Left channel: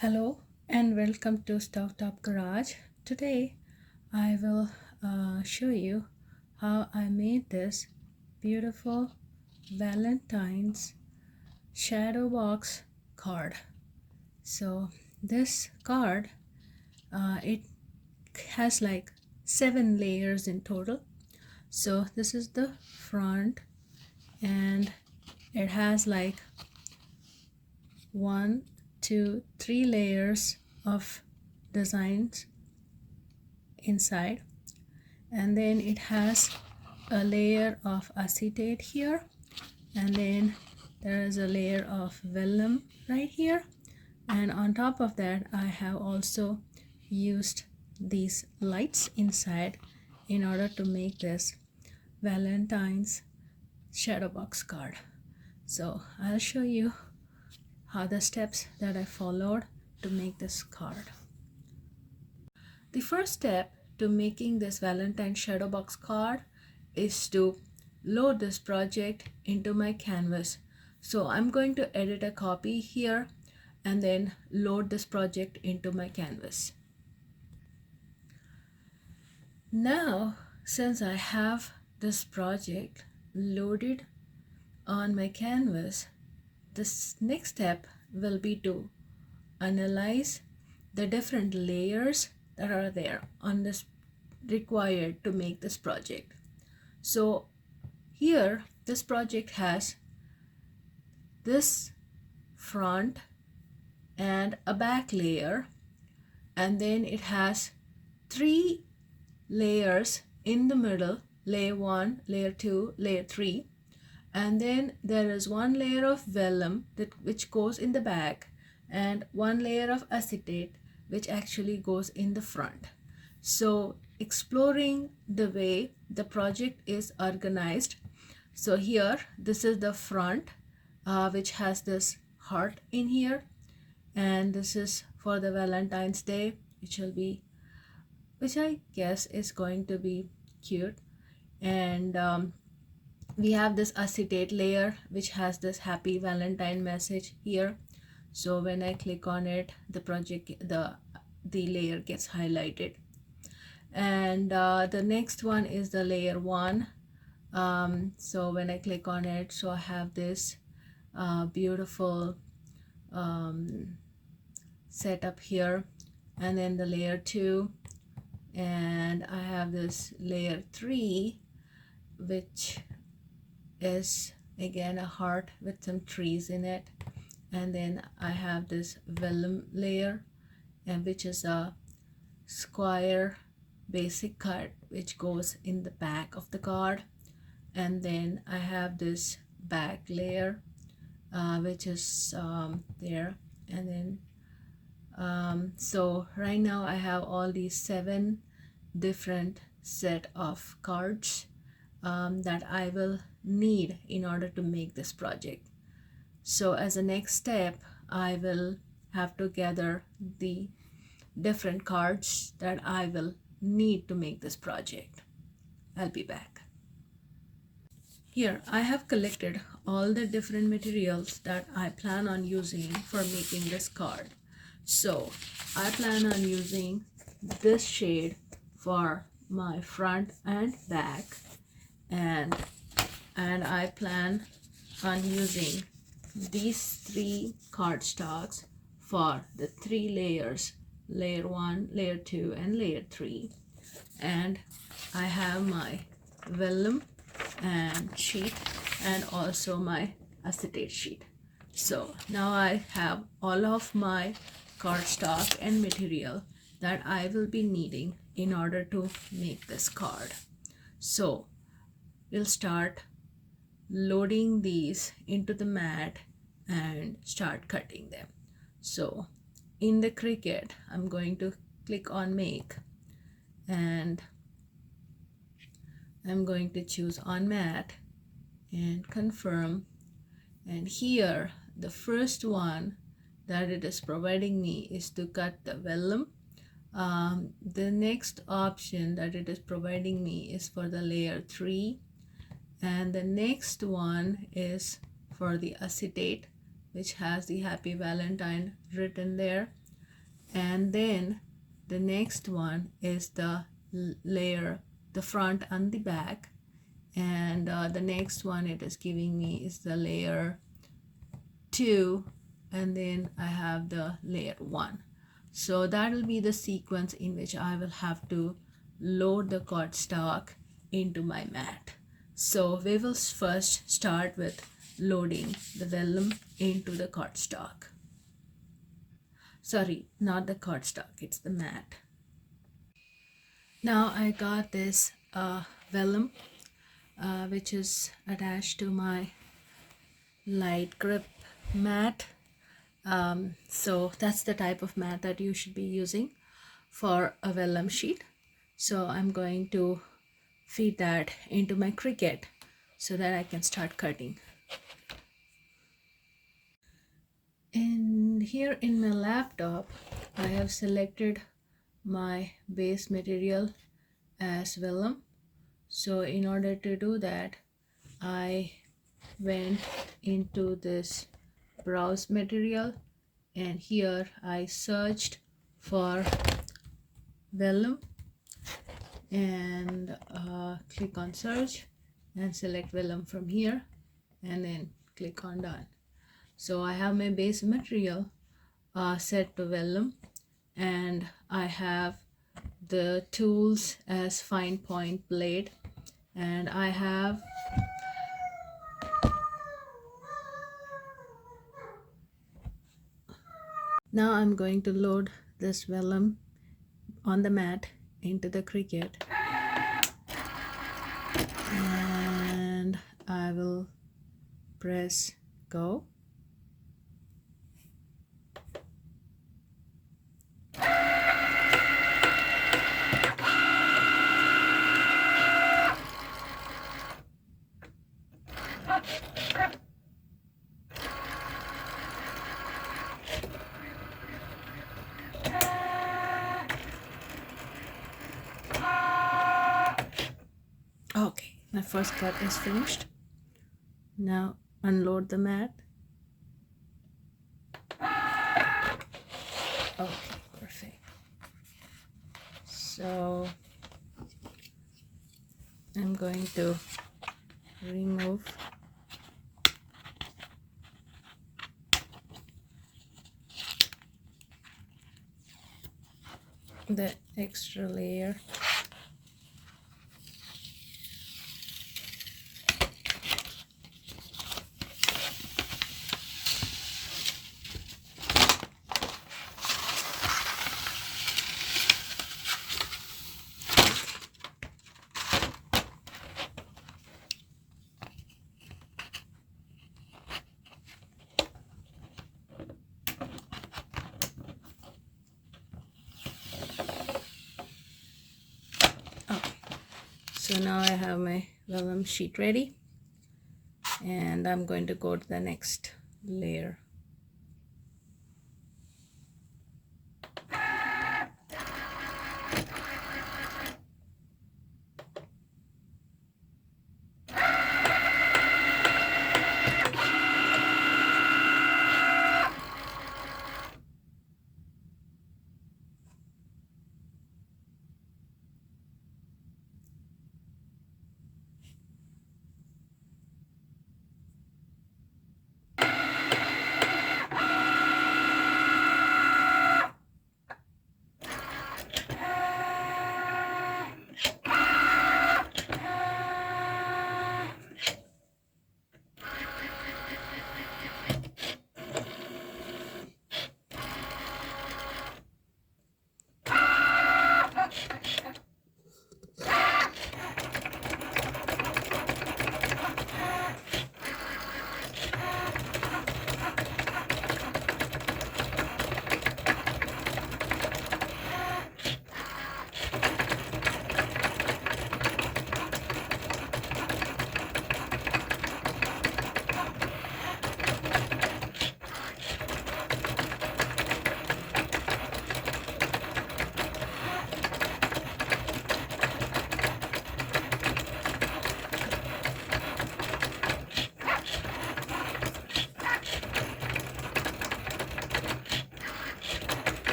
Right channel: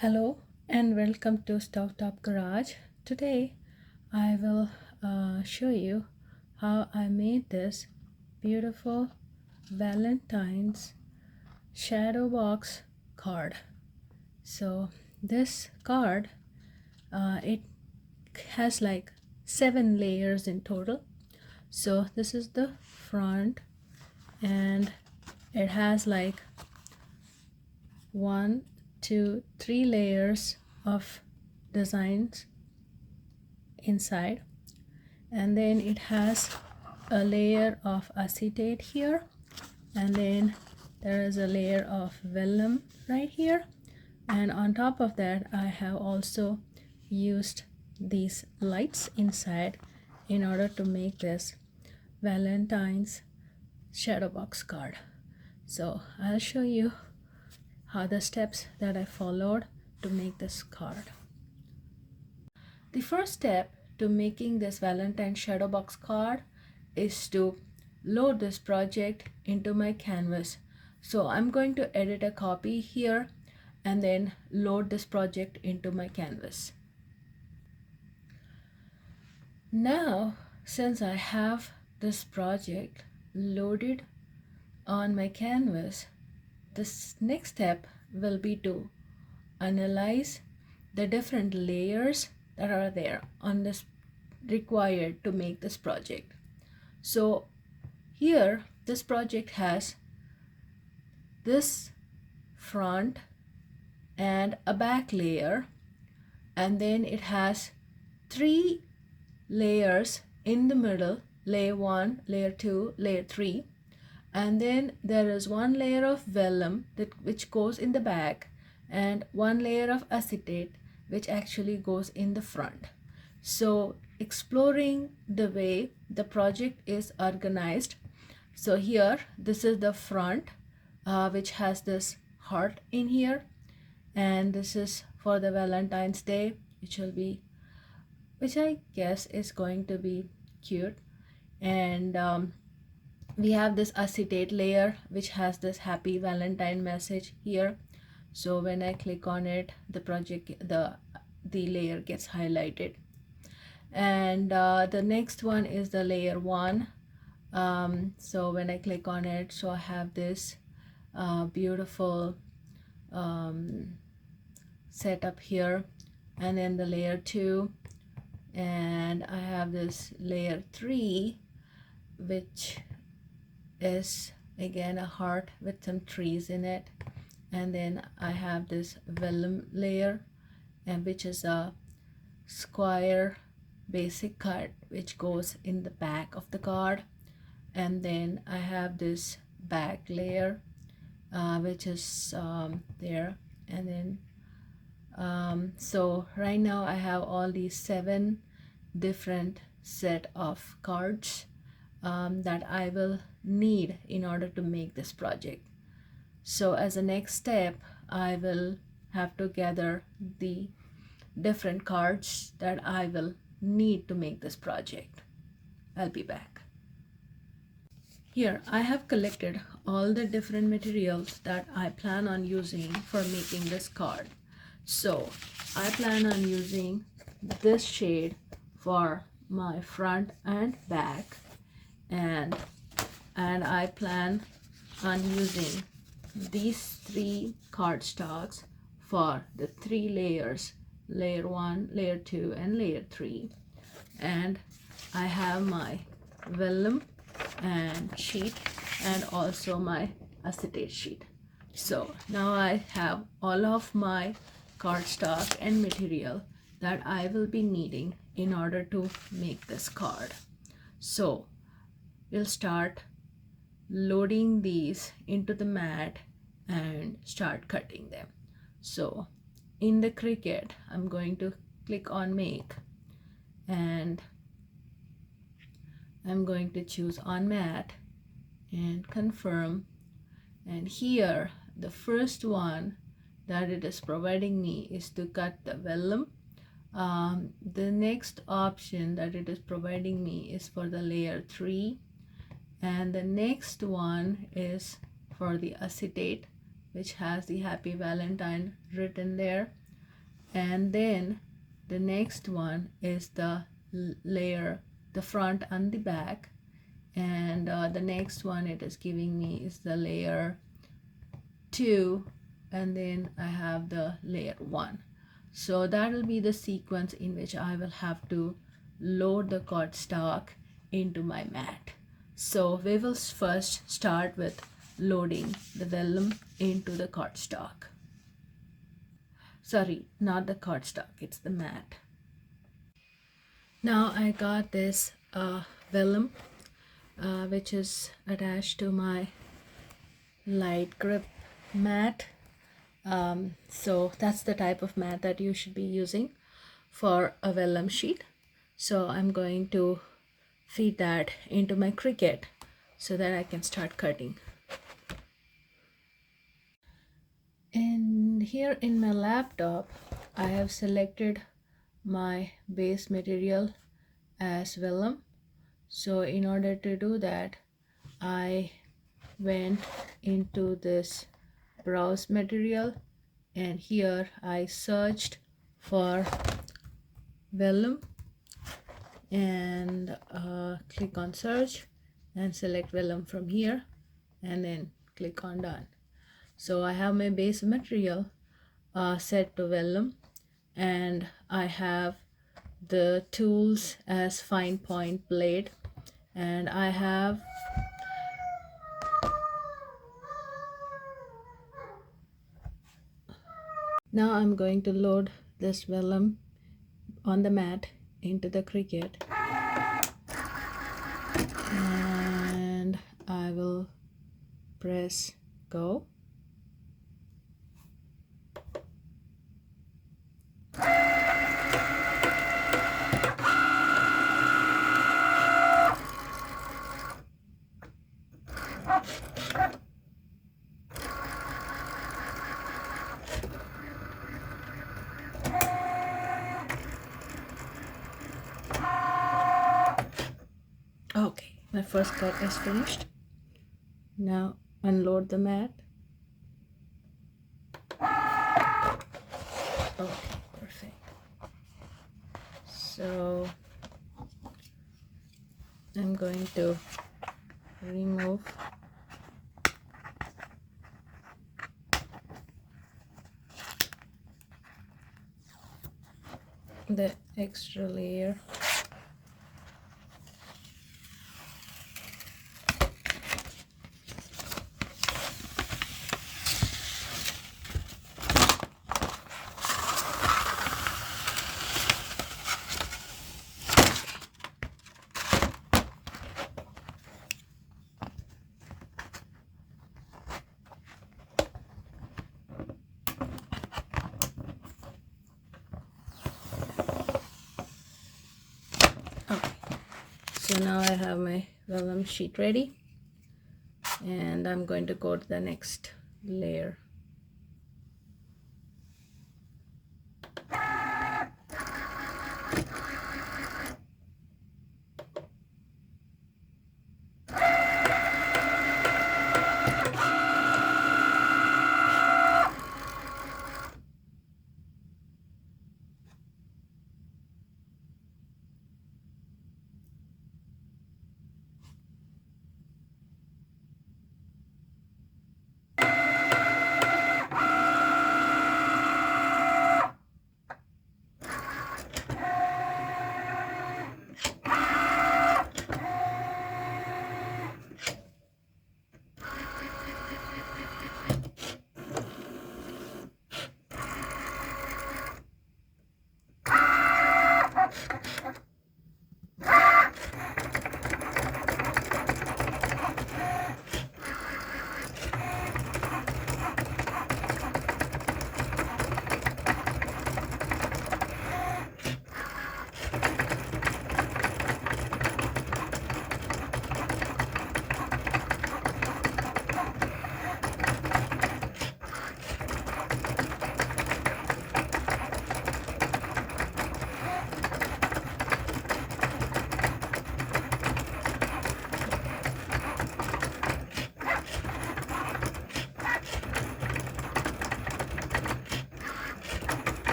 Hello and welcome to StoveTop-Garage. Today I will show you how I made this beautiful Valentine's shadow box card. So this card, it has like 7 layers in total. So this is the front, and it has like 1, 2, 3 layers of designs inside, and then it has a layer of acetate here, and then there is a layer of vellum right here, and on top of that I have also used these lights inside in order to make this Valentine's shadow box card. So I'll show you how the steps that I followed to make this card. The first step to making this Valentine shadow box card is to load this project into my canvas. So I'm going to edit a copy here and then load this project into my canvas. Now, since I have this project loaded on my canvas, this next step will be to analyze the different layers that are there on this required to make this project. So here this project has this front and a back layer, and then it has 3 layers in the middle, layer 1, layer 2, layer 3, and then there is 1 layer of vellum which goes in the back, and 1 layer of acetate which actually goes in the front. So exploring the way the project is organized, so here this is the front, which has this heart in here, and this is for the Valentine's Day, which I guess is going to be cute. And we have this acetate layer which has this happy Valentine message here. So when I click on it, the layer gets highlighted. And the next one is the layer 1. So when I click on it, so I have this beautiful setup here, and then the layer 2, and I have this layer 3 which is again a heart with some trees in it, and then I have this vellum layer, and which is a square basic cut which goes in the back of the card, and then I have this back layer which is there, and then so right now I have all these 7 different set of cards that I will need in order to make this project. So as a next step, I will have to gather the different cards that I will need to make this project. I'll be back. Here I have collected all the different materials that I plan on using for making this card. So I plan on using this shade for my front and back, and I plan on using these 3 cardstocks for the 3 layers, layer 1, layer 2, and layer 3. And I have my vellum and sheet, and also my acetate sheet. So now I have all of my cardstock and material that I will be needing in order to make this card. So we'll start loading these into the mat and start cutting them. So in the Cricut, I'm going to click on make, and I'm going to choose on mat and confirm, and here the first one that it is providing me is to cut the vellum. The next option that it is providing me is for the layer 3, and the next one is for the acetate which has the happy Valentine written there, and then the next one is the layer, the front and the back, and the next one it is giving me is the layer 2, and then I have the layer 1. So that will be the sequence in which I will have to load the cardstock into my mat. So we will first start with loading the vellum into the cardstock. Sorry, not the cardstock, it's the mat. Now I got this vellum which is attached to my light grip mat. So that's the type of mat that you should be using for a vellum sheet. So I'm going to feed that into my cricut so that I can start cutting. And here in my laptop, I have selected my base material as vellum. So in order to do that, I went into this browse material, and here I searched for vellum and click on search and select vellum from here, and then click on done. So I have my base material set to vellum, and I have the tools as fine point blade, and I have now I'm going to load this vellum on the mat into the cricut, and I will press go. Okay, my first cut is finished. Now unload the mat. Okay, perfect. So I'm going to remove the extra layer. Okay, so now I have my vellum sheet ready, and I'm going to go to the next layer.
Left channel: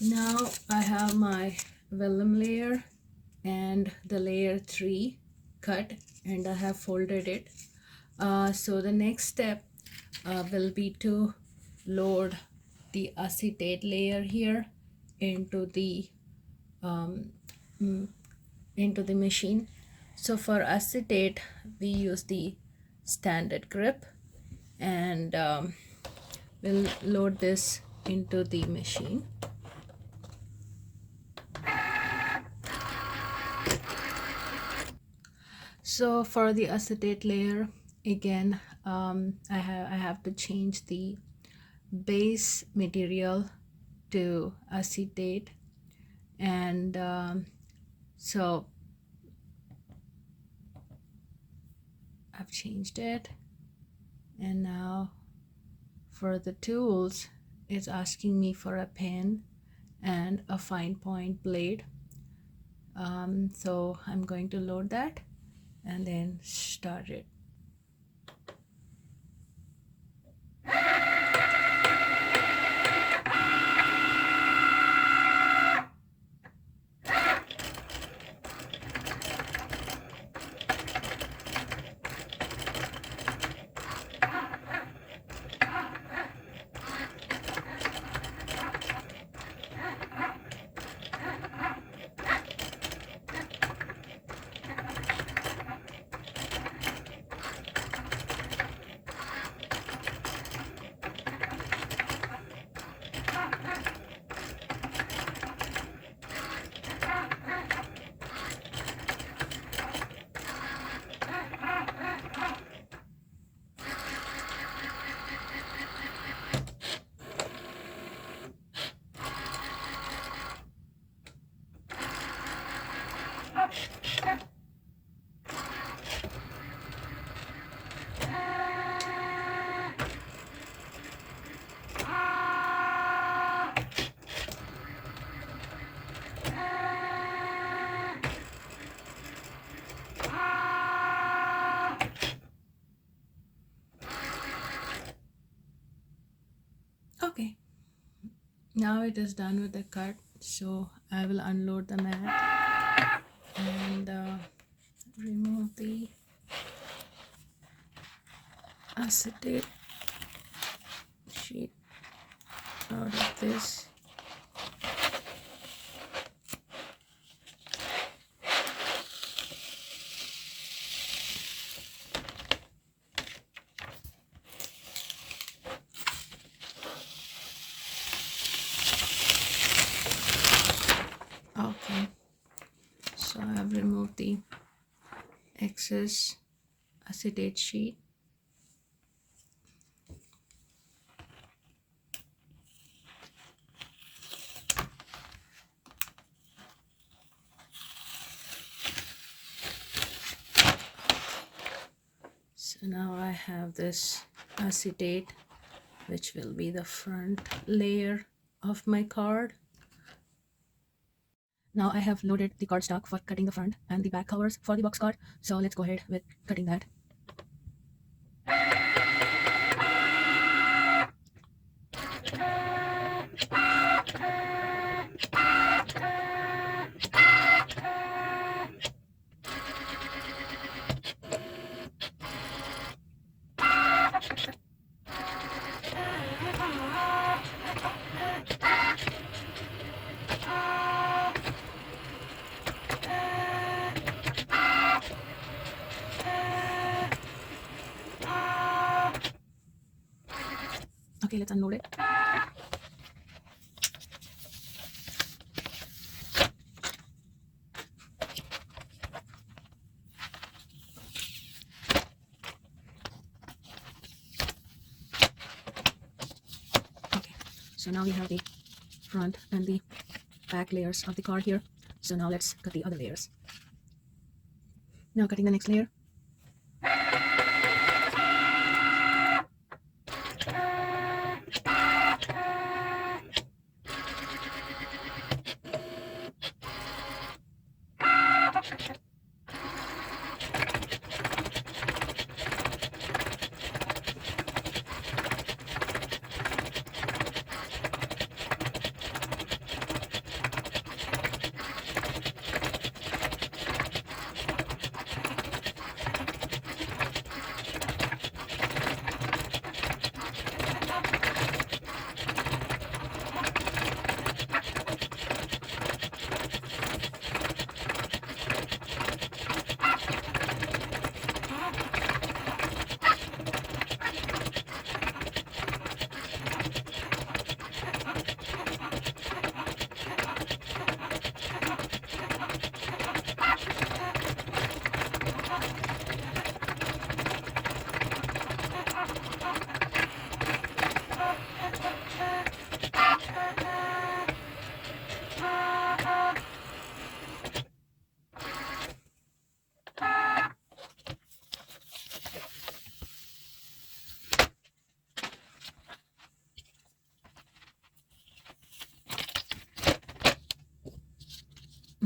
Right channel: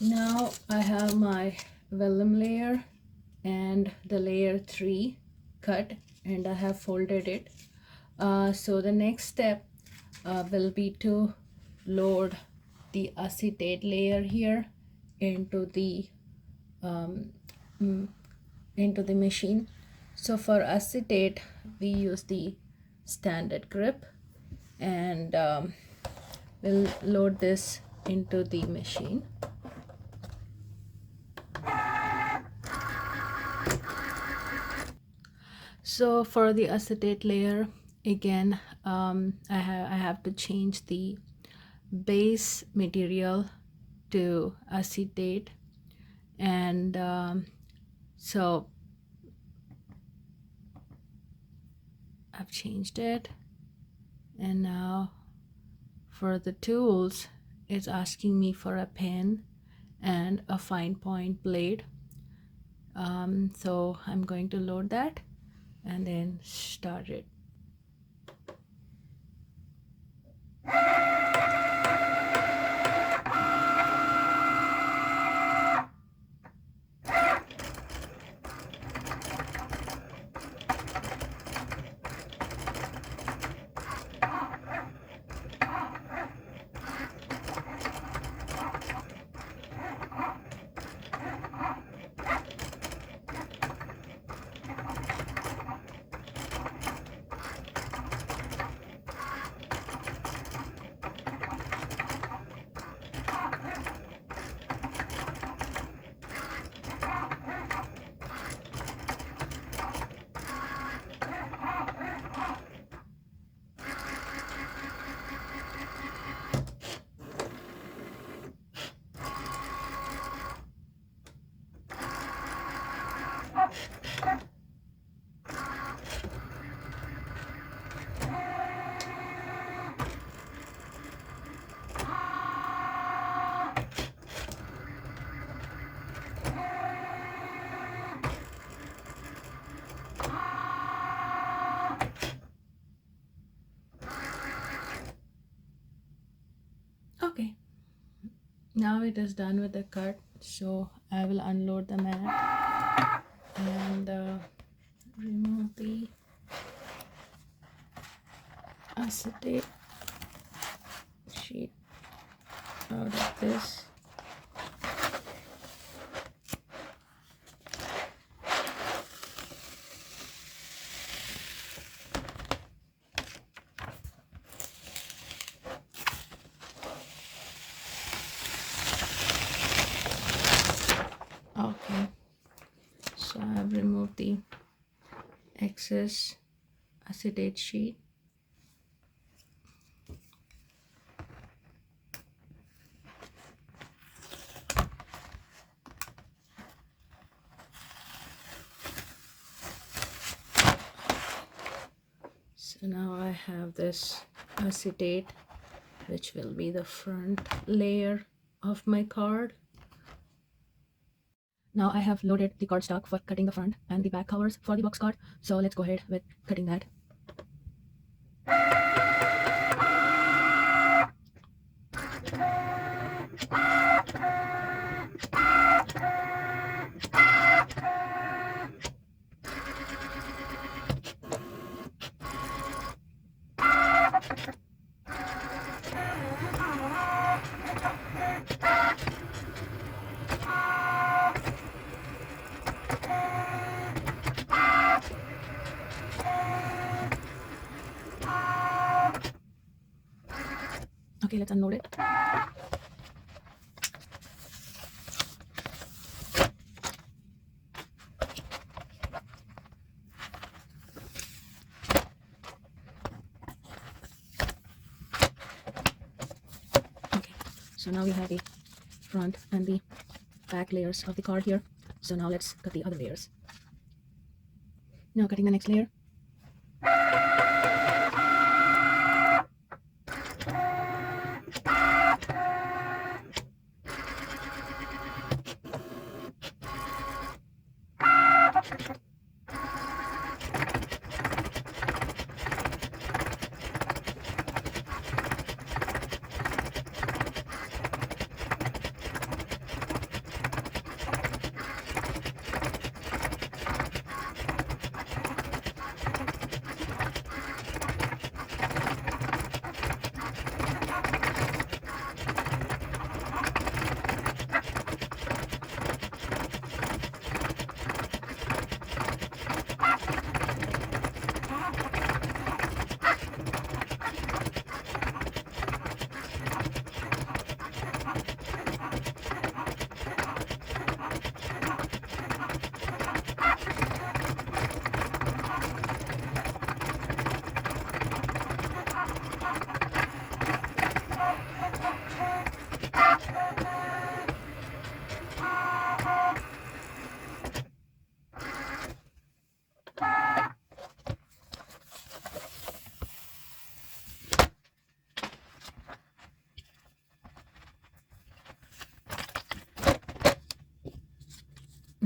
Now I have my vellum layer and the layer 3 cut, and I have folded it. So the next step will be to load the acetate layer here into the machine. So for acetate we use the standard grip, and we'll load this into the machine. So for the acetate layer, again, I have to change the base material to acetate, and so I've changed it, and now for the tools it's asking me for a pen and a fine point blade. So I'm going to load that and then start it. Okay, now it is done with the cut, so I will unload the mat and remove the acetate sheet out of this. Okay, so I have removed the excess acetate sheet. So now I have this acetate, which will be the front layer of my card. Now I have loaded the cardstock for cutting the front and the back covers for the box card. So let's go ahead with cutting that. Okay, let's unload it. Okay, so now we have the front and the back layers of the card here. So now let's cut the other layers. Now cutting the next layer.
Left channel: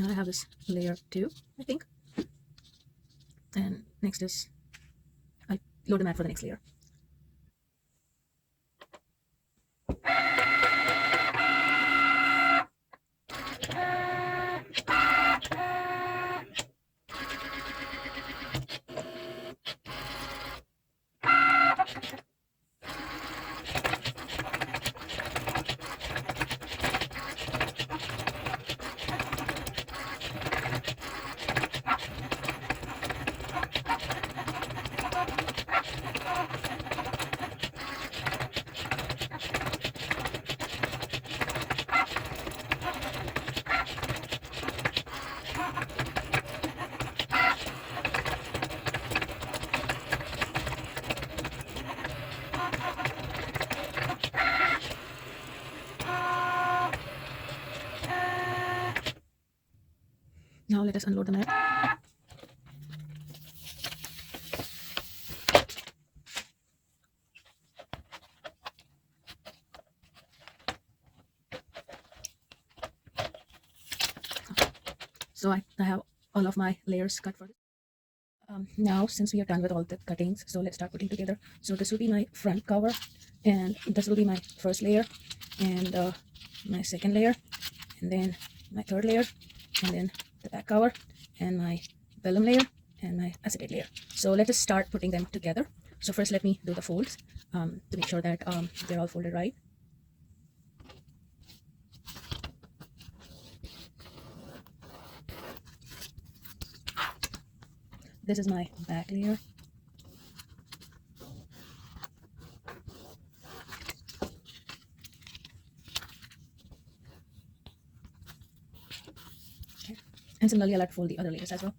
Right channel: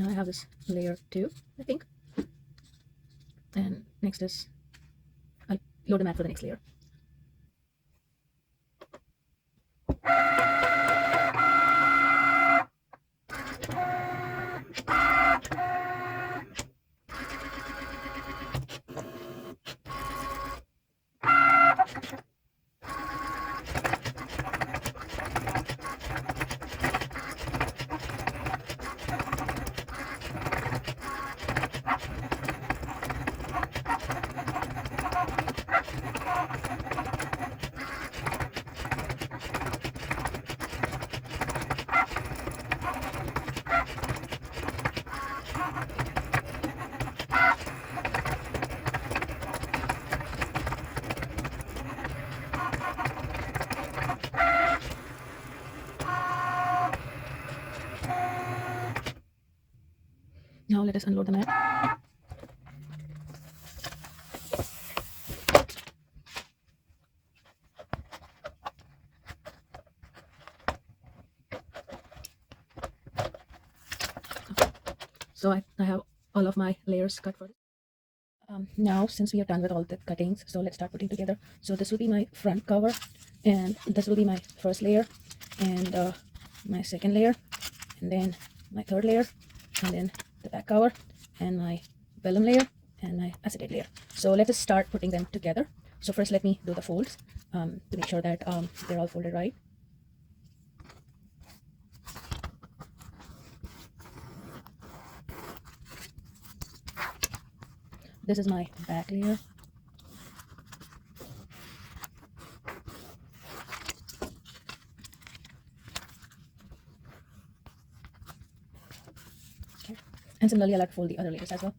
Now I have this layer 2, I think, and next is I'll load the mat for the next layer. Now let us unload the mat. So I have all of my layers cut for now, since we are done with all the cuttings, so let's start putting together. So this will be my front cover, and this will be my first layer, and my second layer, and then my third layer, and then the back cover, and my vellum layer, and my acetate layer. So let us start putting them together. So first let me do the folds to make sure that they're all folded right. This is my back layer. Okay. And similarly, I'll have to fold the other layers as well.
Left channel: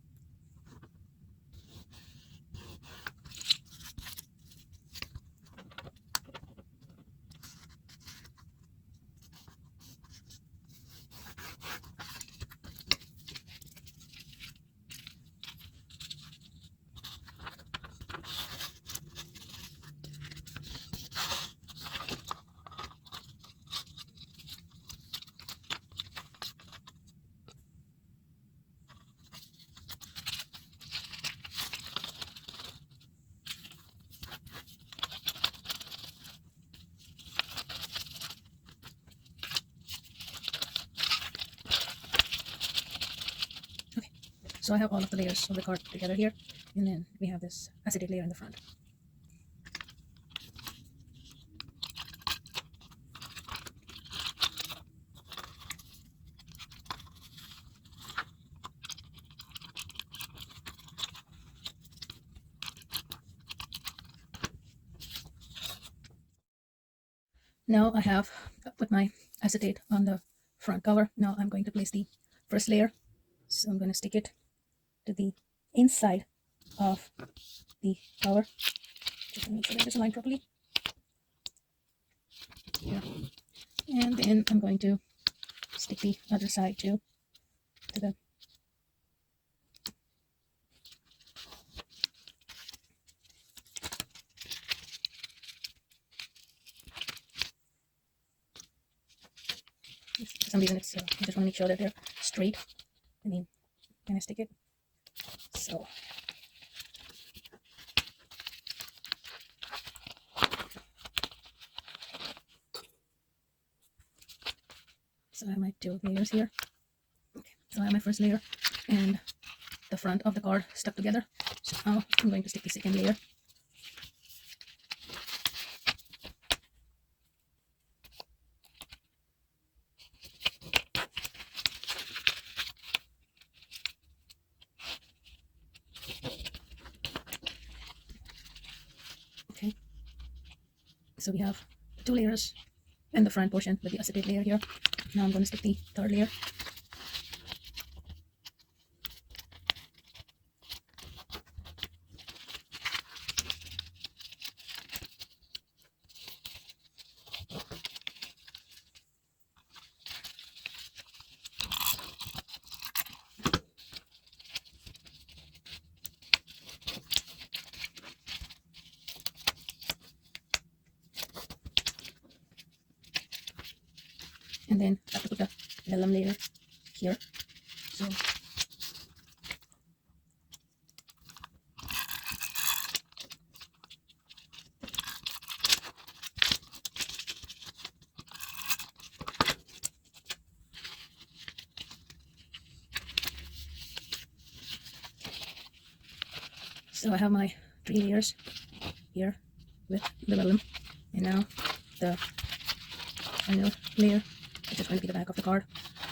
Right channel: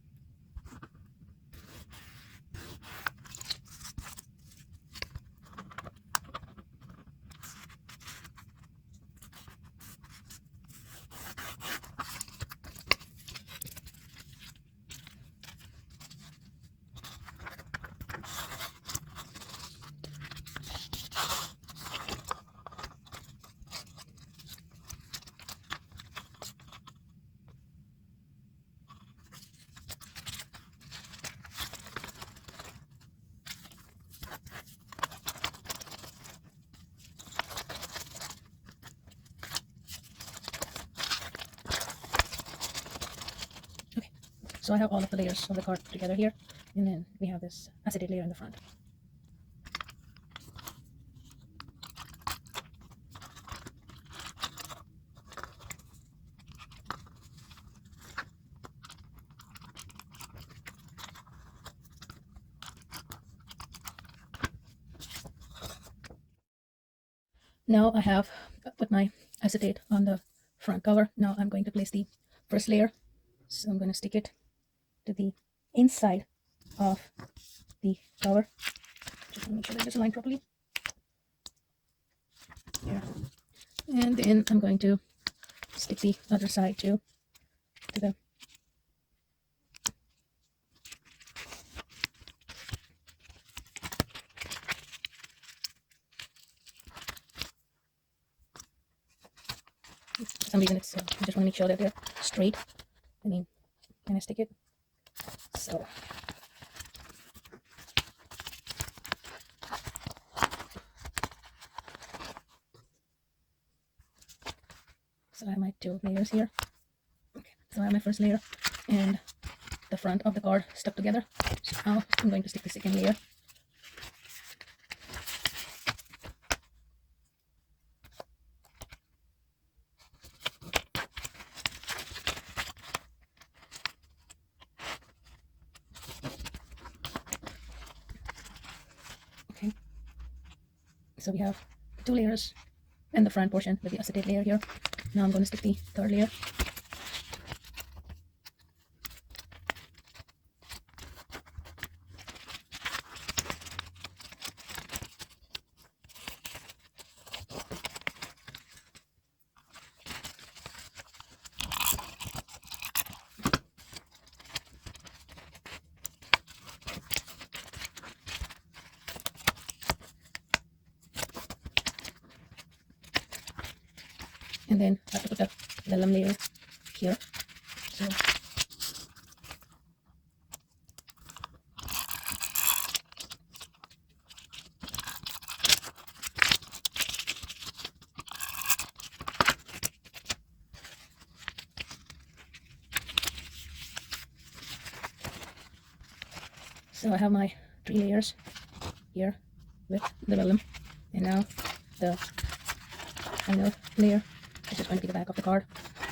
So I have all of the layers of the card together here, and then we have this acetate layer in the front. Now I have put my acetate on the front cover. Now I'm going to place the first layer. So I'm going to stick it to the inside of the cover. Just make sure that it's aligned properly. And then I'm going to stick the other side too to them. For some reason it's I just want to make sure that they're straight. I mean, when I stick it, so I have my two layers here. Okay, so I have my first layer and the front of the card stuck together. So now I'm going to stick the second layer. Okay, so we have two layers in the front portion with the acetate layer here. Now I'm going to stick the third layer. And then I have to put the vellum layer here. So So I have my 3 layers here with the Vellum, and now the final layer, which is going to be the back of the card.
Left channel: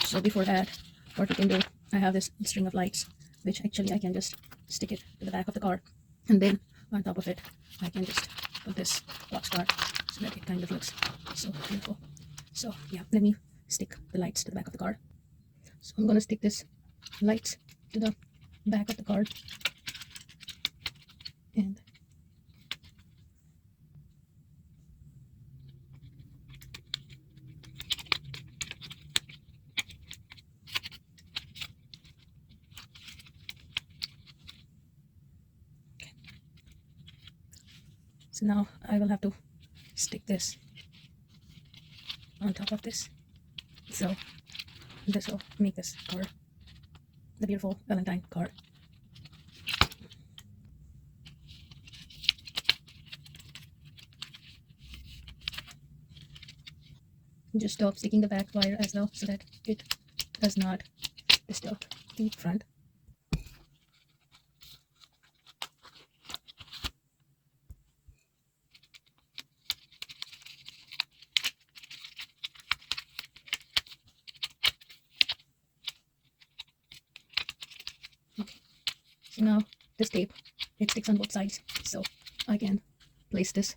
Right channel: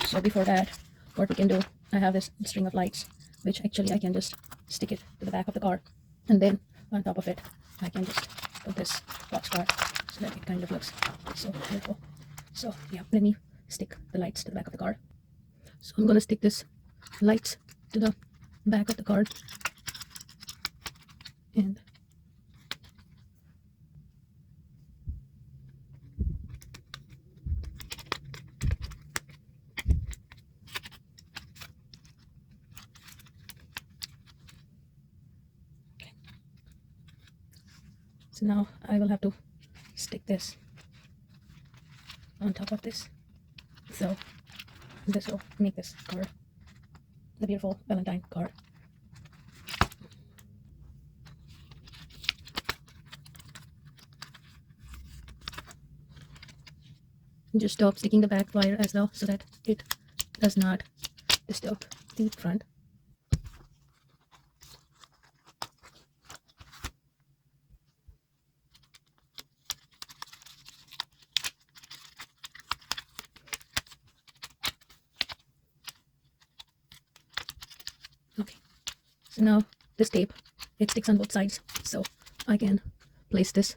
So before that, what we can do, I have this string of lights, which actually I can just stick it to the back of the card, and then on top of it I can just put this box card so that it kind of looks so beautiful. So yeah, let me stick the lights to the back of the card. So I'm going to stick this lights to the back of the card, and so now I will have to stick this on top of this, so this will make this card the beautiful Valentine card. Just stop sticking the back wire as well so that it does not disturb the front. Okay, so now this tape, it sticks on both sides, so I can place this,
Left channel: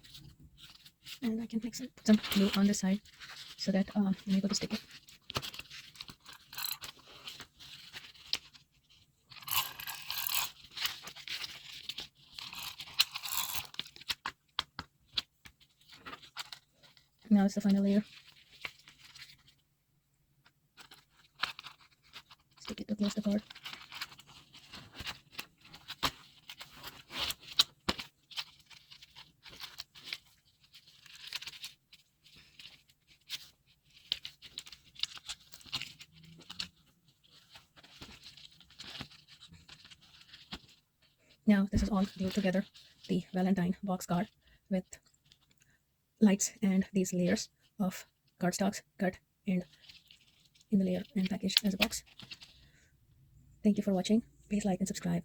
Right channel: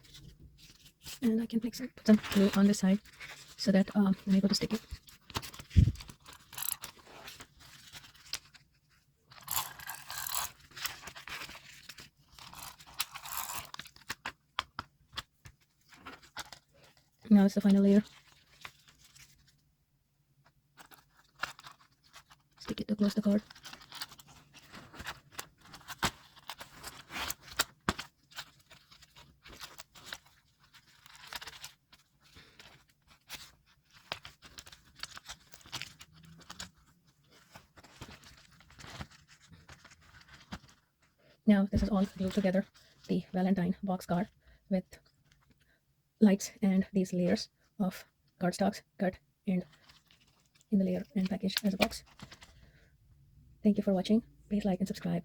and I can put some glue on this side so that when I go to stick it, now it's the final layer. Stick it to close the card. Now this is all glued together, the Valentine box card with lights and these layers of cardstocks cut and in the layer and packaged as a box. Thank you for watching. Please like and subscribe.